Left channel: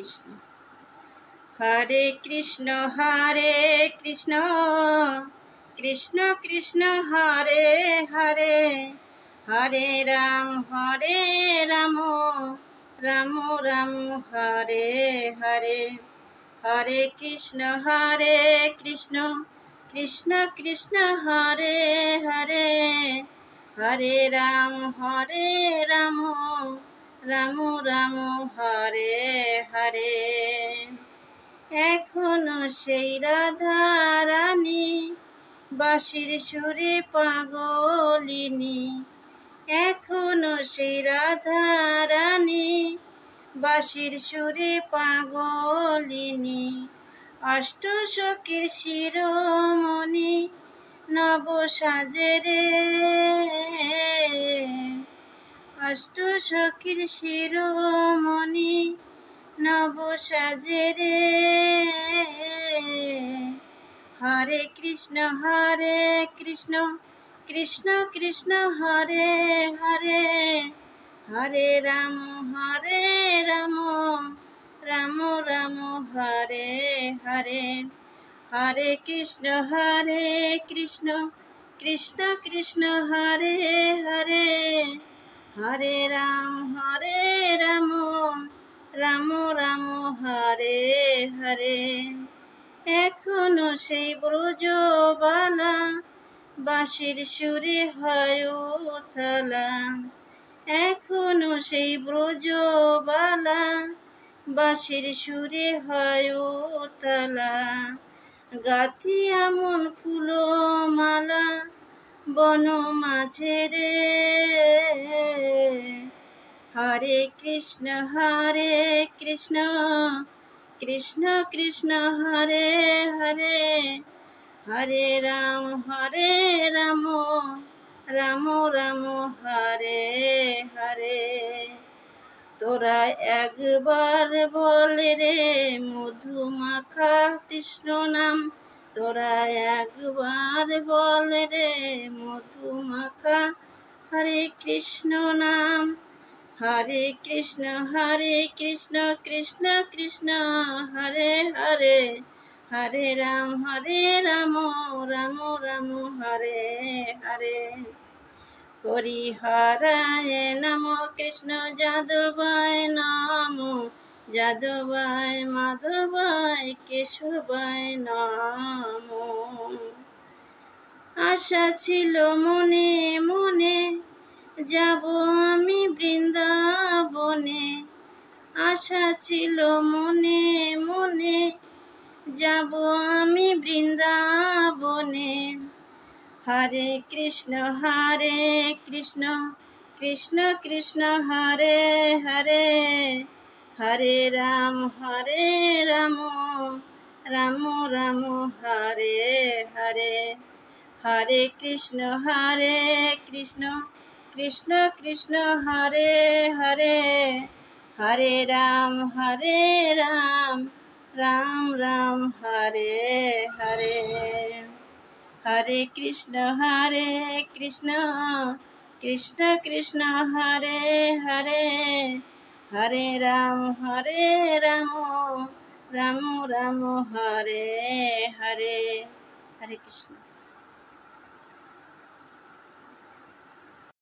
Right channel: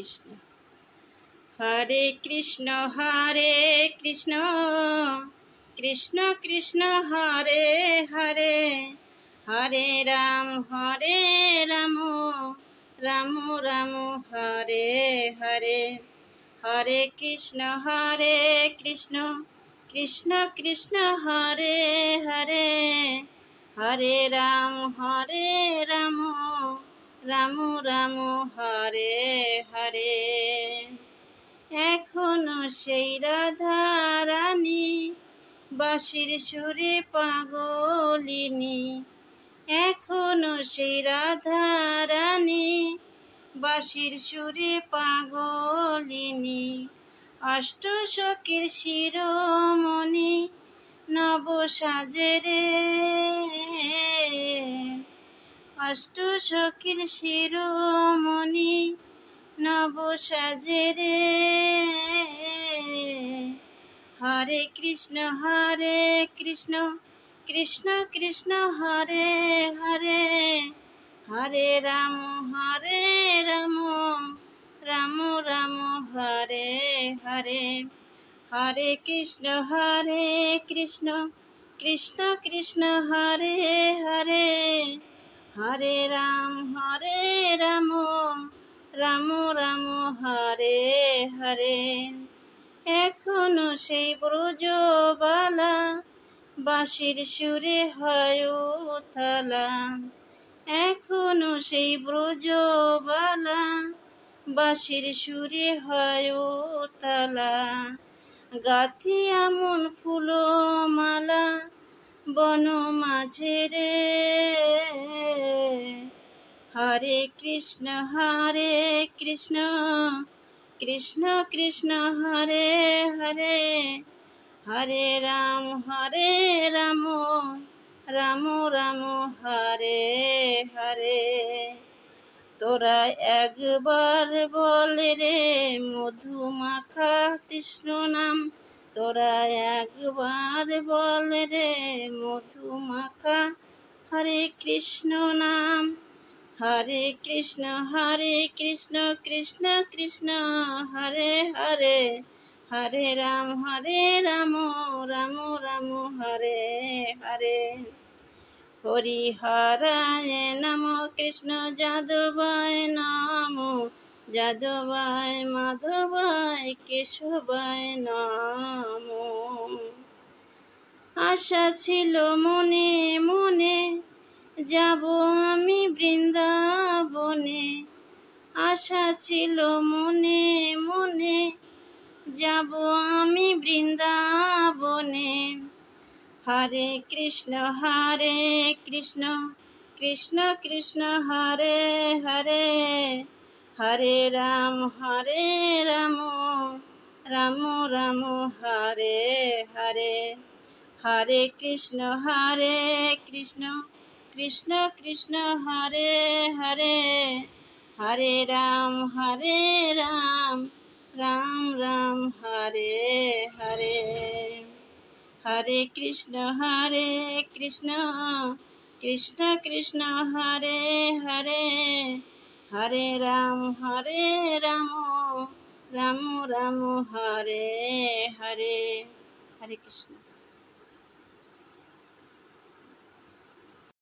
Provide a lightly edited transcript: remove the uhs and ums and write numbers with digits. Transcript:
কৃষ্ণ। হরে কৃষ্ণ কৃষ্ণ কৃষ্ণ হরে হরে, হরে রাম রাম রাম হরে হরে। হরে কৃষ্ণ কৃষ্ণ কৃষ্ণ হরে হরে, হরে রাম রাম রাম হরে হরে। এখনো সেই রাধা রানী বাঁশির সুরে পাগলিনী, এখনো সেই রাধা রানী বাঁশির সুরে পাগলিনী। অষ্টসখীর শিরোমণি নব সাজে রে, অষ্টসখীর শিরোমণি নব সাজে রে। হরে কৃষ্ণ কৃষ্ণ কৃষ্ণ হরে হরে, হরে রাম রাম রাম হরে হরে। হরে কৃষ্ণ কৃষ্ণ কৃষ্ণ হরে হরে, হরে রাম রাম রাম হরে হরে। এখনো সেই ব্রজবালা বাঁশির সুরে হয় উথালা, এখনো সেই ব্রজবালা বাঁশির সুরে হয় উথালা। গাথি এমন ফুলো মালা বন মাঝে রে। হরে কৃষ্ণ কৃষ্ণ কৃষ্ণ হরে হরে, হরে রাম রাম রাম হরে হরে। তোরা একবার বল রে মধুমাখা কৃষ্ণ নাম, তোরা একবার বল রে মধুমাখা হরে কৃষ্ণ নাম। হরে কৃষ্ণ কৃষ্ণ কৃষ্ণ হরে হরে, হরে রাম রাম রাম হরে হরে। হরিহরায় নম কৃষ্ণ যাদবায় নম, যাদবায় মাধবায় কেশবায় নম। আশা ছিল মনে মনে যাব আমি বৃন্দাবনে, আশা ছিল মনে মনে যাব আমি বৃন্দাবনে। হরে কৃষ্ণ কৃষ্ণ কৃষ্ণ হরে হরে, হরে রাম রাম রাম হরে হরে। হরে কৃষ্ণ কৃষ্ণ কৃষ্ণ হরে হরে, হরে রাম রাম রাম হরে হরে। হরে কৃষ্ণ কৃষ্ণ কৃষ্ণ হরে হরে, হরে রাম রাম রাম হরে হরে। হরে কৃষ্ণ।